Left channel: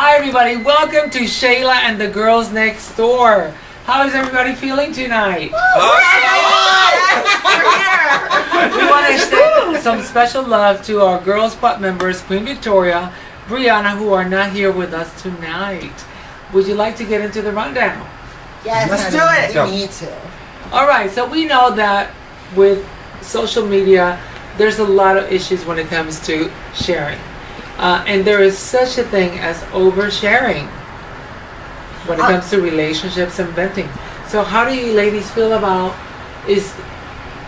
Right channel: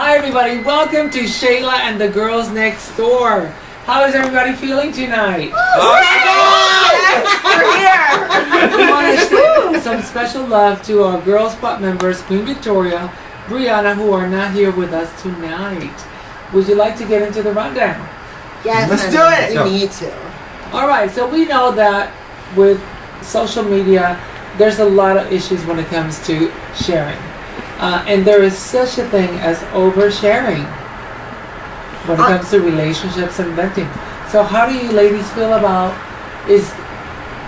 Hi everybody, welcome to Chela and the Girls Next Door. How is everybody feeling tonight? We're here. We want to send some special love to our Girl Squad members, Queen Victoria, Brianna, who are not here with us tonight. Would you like to get into the rundown? Yes, Let's do it. We need to. All right, so we know that with social media, there's a lot of issues when it comes to sharing. And there is such a thing as oversharing when it comes to relationships and venting. So how do you ladies feel about, is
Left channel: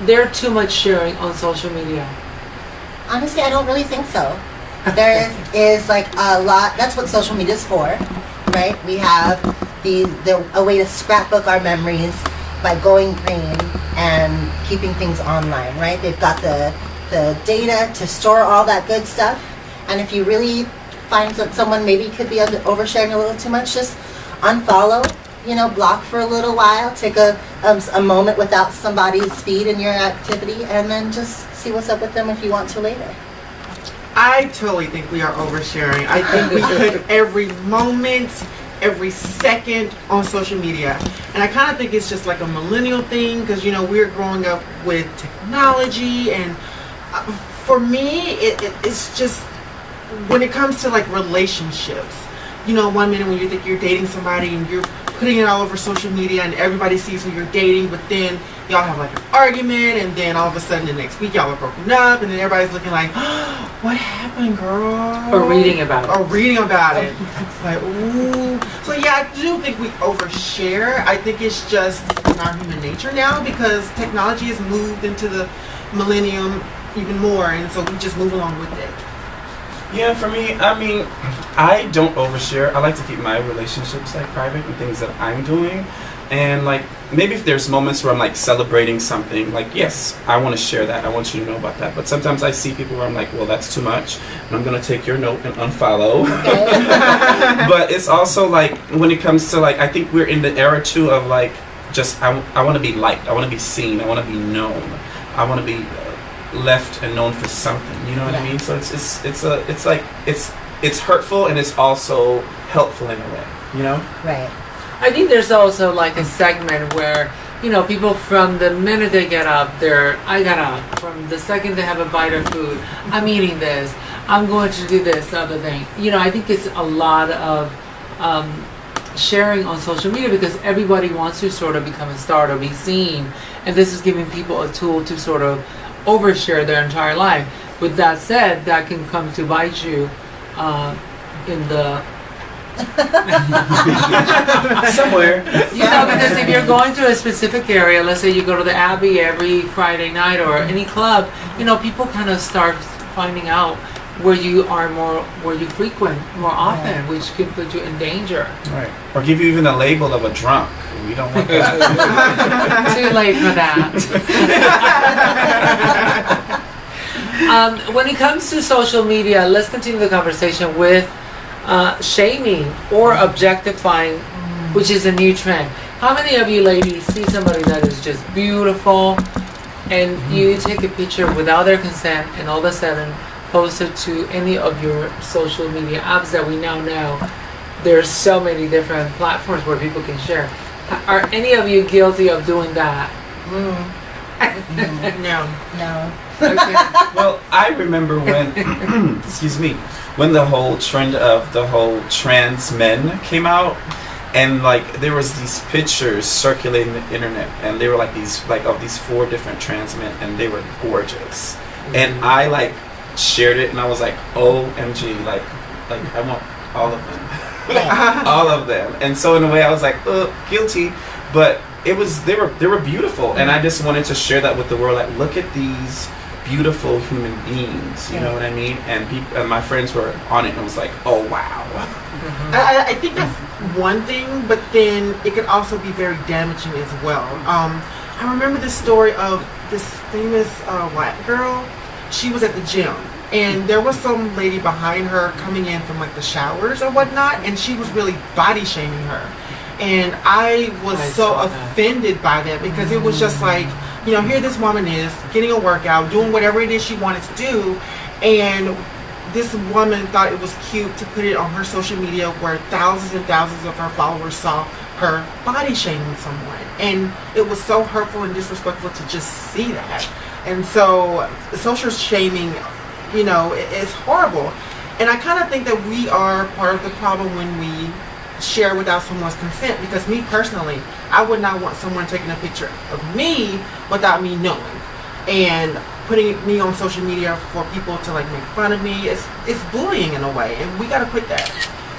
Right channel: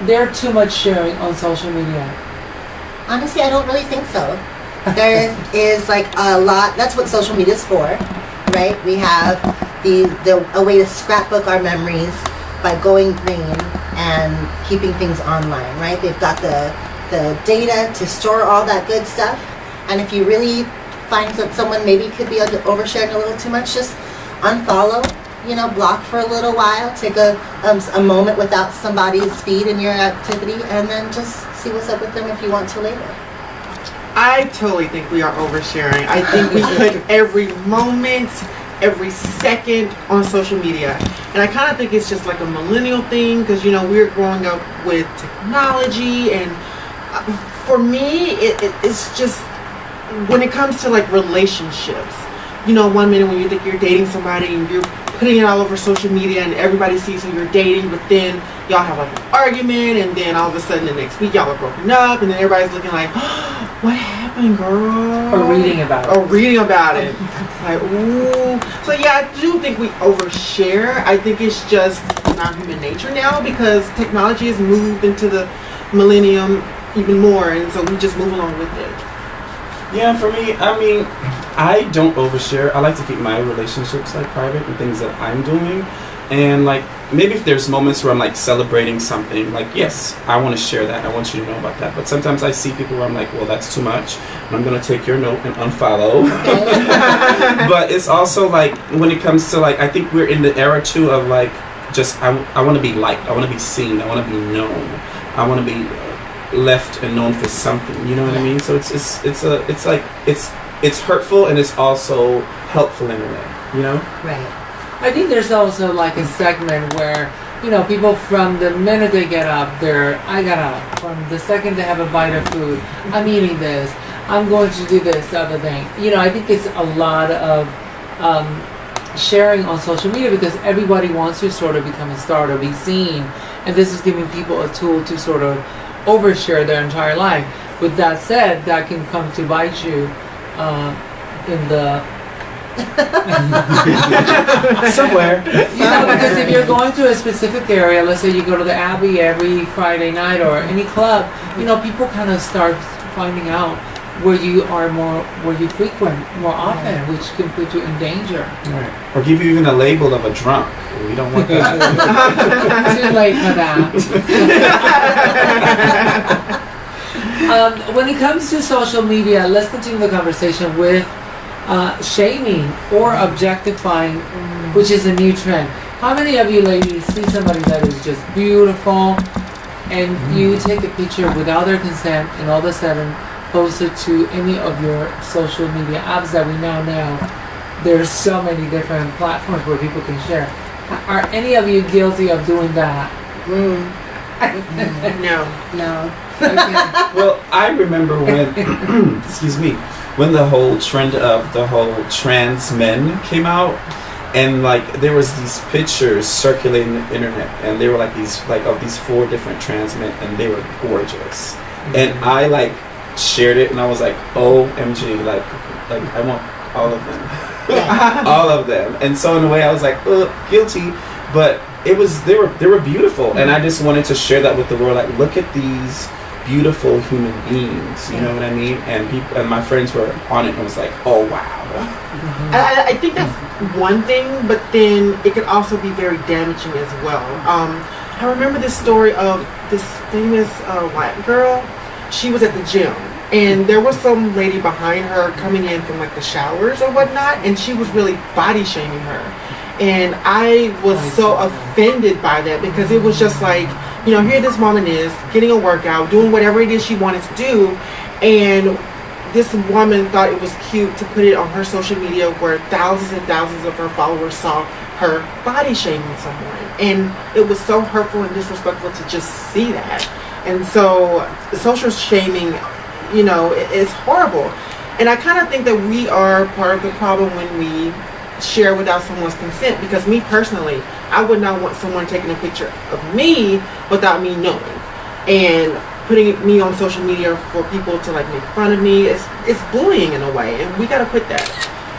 there too much sharing on social media? Honestly, I don't really think so. There is like a lot. That's what social media is for, right? We have a way to scrapbook our memories by going green and keeping things online, right? They've got the data to store all that good stuff. And if you really find that someone maybe could be oversharing a little too much, just unfollow, block for a little while, take a moment without somebody's feed in your activity, and then just see what's up with them if you want to later. I totally think we are oversharing. I think we put every moment, every second on social media. And I kind of think it's just like a millennial thing because, we're growing up with technology. And for me, it's just, when it comes to like relationships, 1 minute when you think you're dating somebody and you're putting it all over social media and everybody sees who you're dating, but then y'all have like an argument and then all of a sudden the next week y'all are broken up and then everybody's looking like, oh, what happened, girl? Or reading about it. It's like, ooh. So yeah, I do think we overshare. I think it's just in our human nature now because technology has moved into the millennium even more, and so we just move along with it. Yeah, for me, I don't overshare. I like to keep my relationships like private and things that I'm doing. And like maybe if there's moments where I'm like celebrating something, like yes, I want to share that. I want you to know about that. But sometimes I see people where I'm like, well, that's too much. And I'm gonna take your note and unfollow. But it's also like when it comes to like, I think we're in the era too of like just I want to be liked. I want to be seen. I want to be known. I want to be left and known for something, you know what I mean? So it's hurtful and it's also helpful in a way, Right. I think there's also like a segment where, people from the minute they get up, I got up. From the second they have a bite of food, I'm eating this, I'm going to do this other thing. I think it's a lot of sharing on social media because everybody wants to sort of become a star to be seen. And this is giving people a tool to sort of overshare their entire life. With that said, that can come to bite you in the somewhere. Because if you're going to a specific area, let's say you go to the Abbey every Friday night or any club, people kind of start finding out where you frequent more often, which can put you in danger. Right. Or give you even a label of a drunk. We don't want that. Too late for that. When it comes to social media, let's continue the conversation with shaming or objectifying, which is a new trend. How many of you ladies see somebody that is just beautiful and you take a picture without their consent and all of a sudden post it to any of your social media apps that we now know? There's so many different platforms where people can share. Are any of you guilty of doing that? No. Okay. Well, I remember when, excuse me, when the whole trend of the whole trans men came out, and like there was these pictures circulating the internet, and they were like these 4 different trans men, and they were gorgeous, and I like shared it, and I was like, OMG, like I want all of them, all of them, and so in a way I was like, guilty, but they were beautiful, and I just wanted to share that with the world. Like, look at these beautiful human beings, you know what I mean? And people and my friends were on it and was like, oh wow. I think that's one thing, but then it could also be very damaging as well. I remember this story of this famous white girl. She was at the gym and there was some lady behind her coming in from like the showers or whatnot, and she was really body shaming her, and I was so offended by that because it was just like, here this woman is getting a workout, doing whatever it is she wanted to do, and this woman thought it was cute to put it on her social media where thousands and thousands of her followers saw her body shaming someone. And it was so hurtful and disrespectful to just see that. And so social shaming, you know, is horrible. And I kind of think that we are part of the problem when we share without someone's consent, because me personally, I would not want someone taking a picture of me without me knowing. And putting me on social media for people to like make fun of me, it's bullying in a way, and we gotta quit that.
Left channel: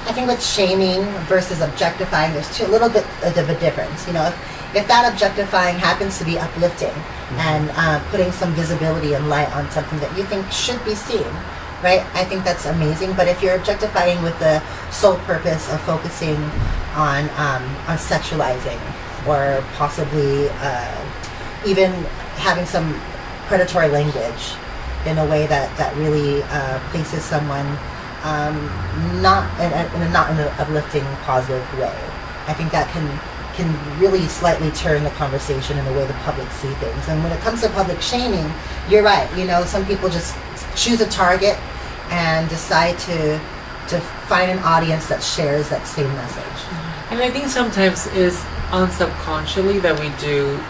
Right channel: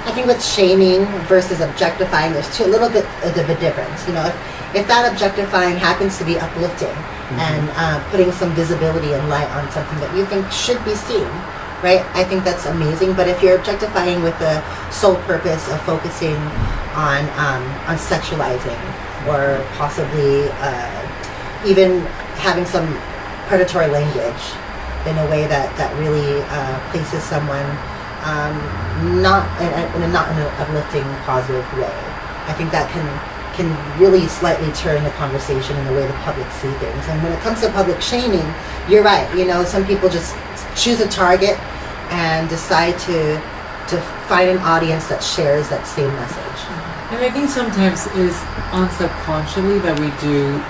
I think with shaming versus objectifying, there's a little bit of a difference. You know, if that objectifying happens to be uplifting and putting some visibility and light on something that you think should be seen, right? I think that's amazing. But if you're objectifying with the sole purpose of focusing on sexualizing or possibly even having some predatory language in a way that really places someone not in an uplifting, positive way, I think that can really slightly turn the conversation in the way the public see things. And when it comes to public shaming, you're right. You know, some people just choose a target and decide to find an audience that shares that same message. And I think sometimes it's unsubconsciously that we do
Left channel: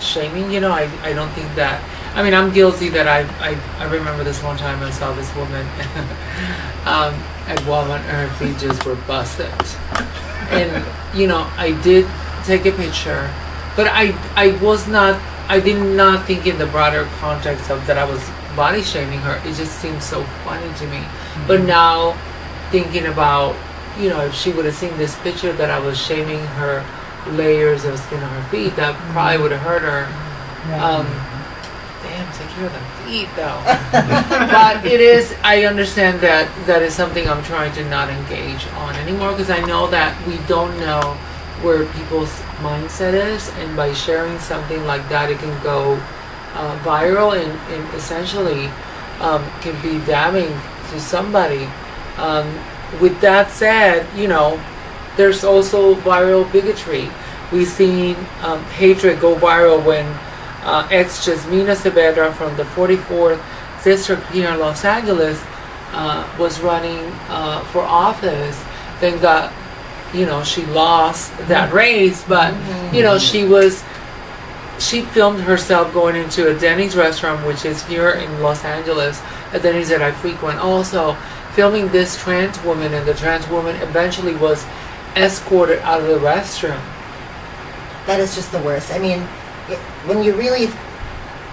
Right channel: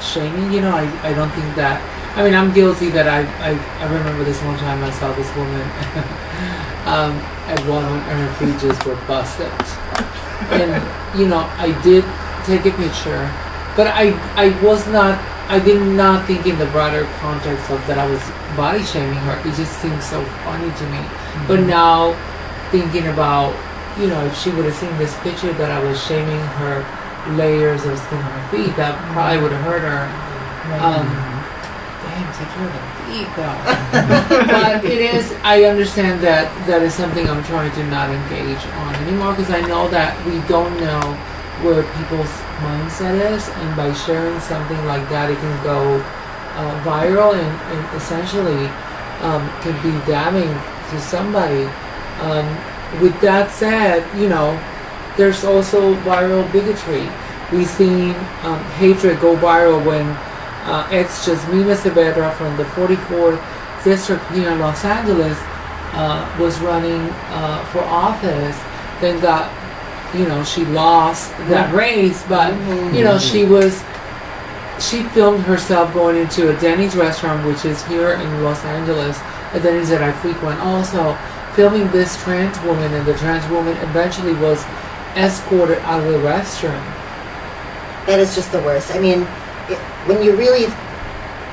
shaming. You know, I don't think that. I mean, I'm guilty that I remember this one time I saw this woman at Walmart and her feet just were busted. And, you know, I did take a picture, but I did not think in the broader context of that I was body shaming her. It just seemed so funny to me. Mm-hmm. But now, thinking about, you know, if she would have seen this picture that I was shaming her layers of skin on her feet, that probably would have hurt her. Damn, take care of the feet though. But it is, I understand that is something I'm trying to not engage on anymore, because I know that we don't know where people's mindset is, and by sharing something like that, it can go viral and essentially can be damning to somebody. With that said, you know, there's also viral bigotry. We've seen hatred go viral when ex-Jasmina Saavedra from the 44th district here in Los Angeles was running for office, then got, you know, she lost that race, but you know, she filmed herself going into a Denny's restaurant, which is here in Los Angeles, a Denny's that I frequent, also filming this trans woman, and the trans woman eventually was escorted out of the restroom. That is just the worst. I mean, when you really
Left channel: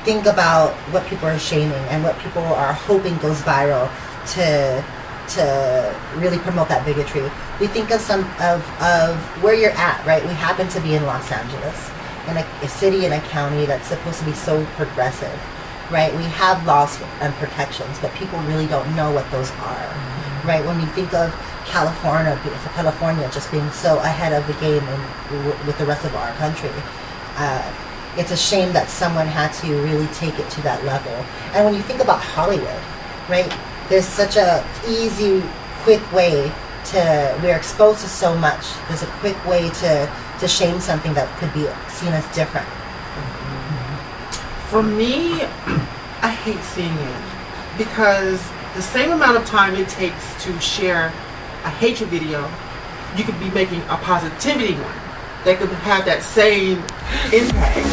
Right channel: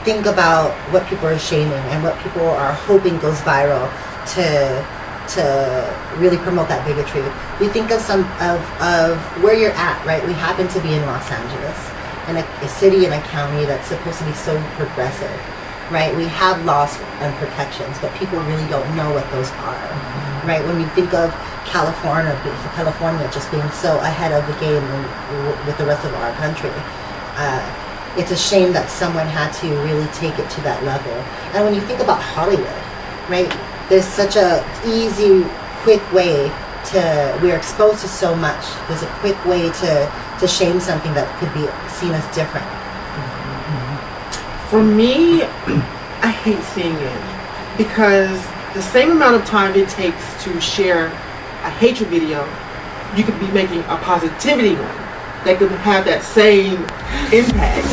think about what people are shaming and what people are hoping goes viral to really promote that bigotry, we think of of where you're at, right? We happen to be in Los Angeles, in a city and a county that's supposed to be so progressive, right? We have laws and protections, but people really don't know what those are, right? When we think of California just being so ahead of the game with the rest of our country, it's a shame that someone had to really take it to that level. And when you think about Hollywood, right, there's such a easy, quick way we're exposed to so much. There's a quick way to shame something that could be seen as different. For me, I hate seeing it, because the same amount of time it takes to share a hatred video, you could be making a positivity one that could have that same impact.